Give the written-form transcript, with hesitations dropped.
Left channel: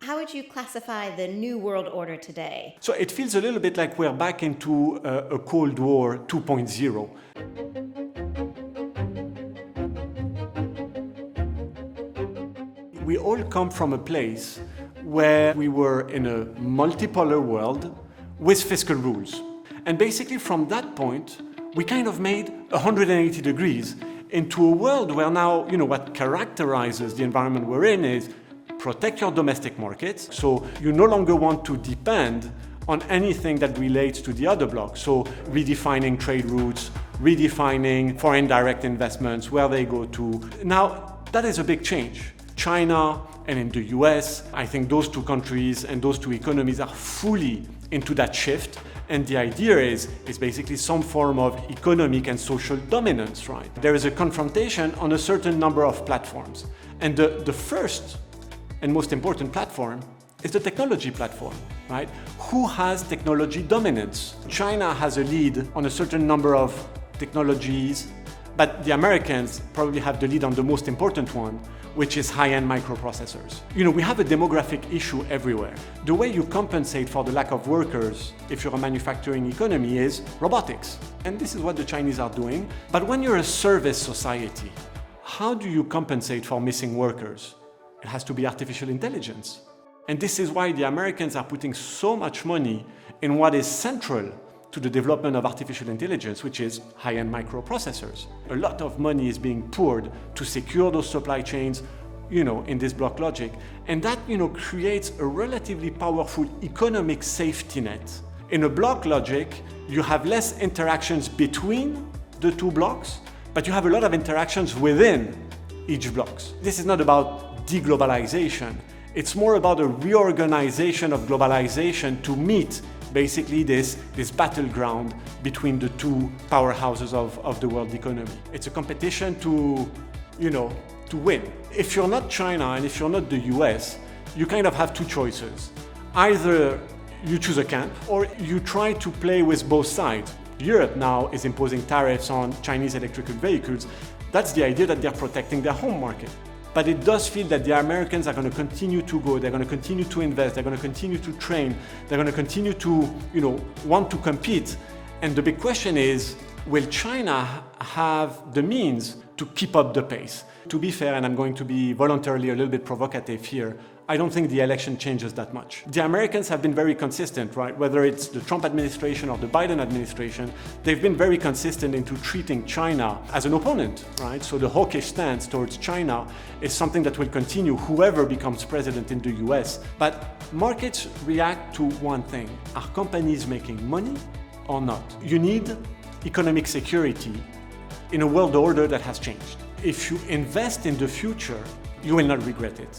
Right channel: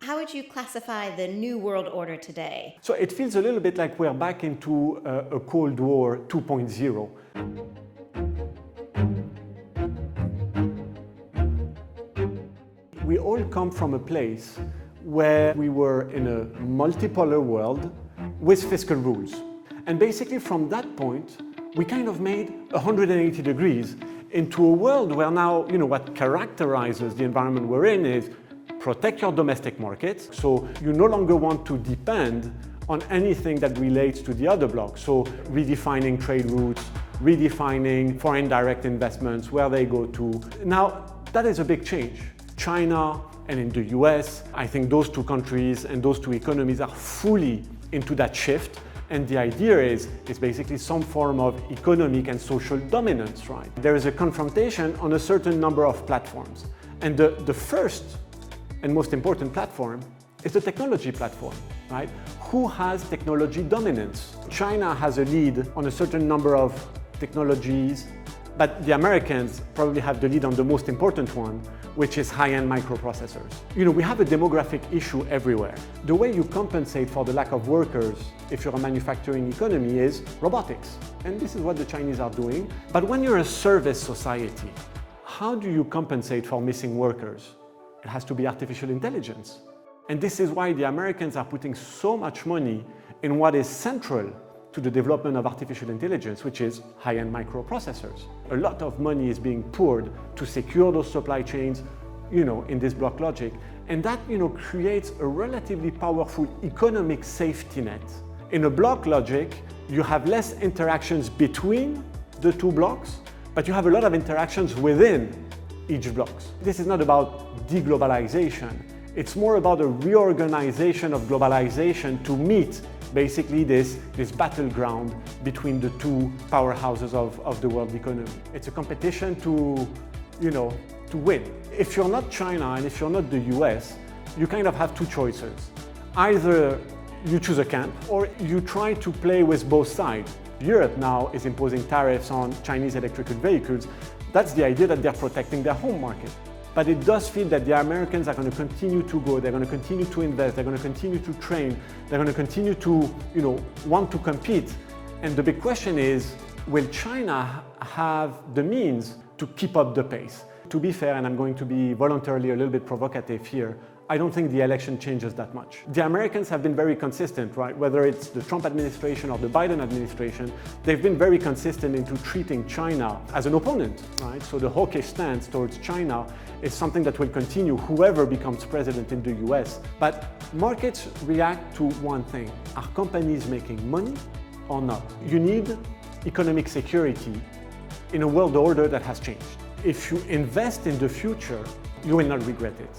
How would you classify the new world order today? So it feels a little bit like we're back into a Cold War 2.0. We all come from a place where we were in a multipolar world with fiscal rules. And basically from that point, we kind of made 180 degrees into a world where now, what characterizes the environment we're in is protect your domestic markets. So you no longer want to depend on anything that relates to the other bloc. So redefining trade routes, redefining foreign direct investments, where they go to. Now, that is a big change. China and in the US, I think those two countries and those two economies are fully into that shift. And the idea is basically some form of economic and social dominance, right? There is a confrontation on a certain number of platforms. And the first and most important platform is the technology platform, right? Who has technology dominance? China has a lead on a certain number of technologies, but the Americans probably have the lead on the most important one, which is high-end microprocessors. We have a demographic issue everywhere. The way you compensate for the lack of workers if you're a manufacturing economy is robotics. And this is what the Chinese are doing. But when you're a service society, how do you compensate for missing workers? It has to be artificial intelligence. And this is why the Americans are putting so much money in what is central to the development of artificial intelligence, which is high-end microprocessors. A lot of money is being poured to secure those supply chains, in this block logic. And that, creates a relatively powerful economic safety net. In a block logic, you have less interactions between the two blocks, but you have a lot of interactions within each blocks. This is not about deglobalization. It's more about a reorganization of globalization to meet basically this battleground between the two powerhouses of the world economy. It's a competition to win. If you're not China and if you're not the US, you kind of have two choices. Either you choose a camp or you try to play with both sides. Europe now is imposing tariffs on Chinese electrical vehicles. That's the idea that they're protecting their home market. But it does feel that the Americans are going to continue to go, they're going to continue to invest, they're going to continue to train, they're going to continue to, want to compete. And the big question is, will China have the means to keep up the pace? To be fair, and I'm going to be voluntarily a little bit provocative here, I don't think the election changes that much. The Americans have been very consistent, right? Whether it's the Trump administration or the Biden administration, they've been very consistent into treating China as an opponent, right? So the hawkish stance towards China is something that will continue whoever becomes president in the US. But markets react to one thing. Are companies making money or not? You need economic security in a world order that has changed. If you invest in the future, you will not regret it.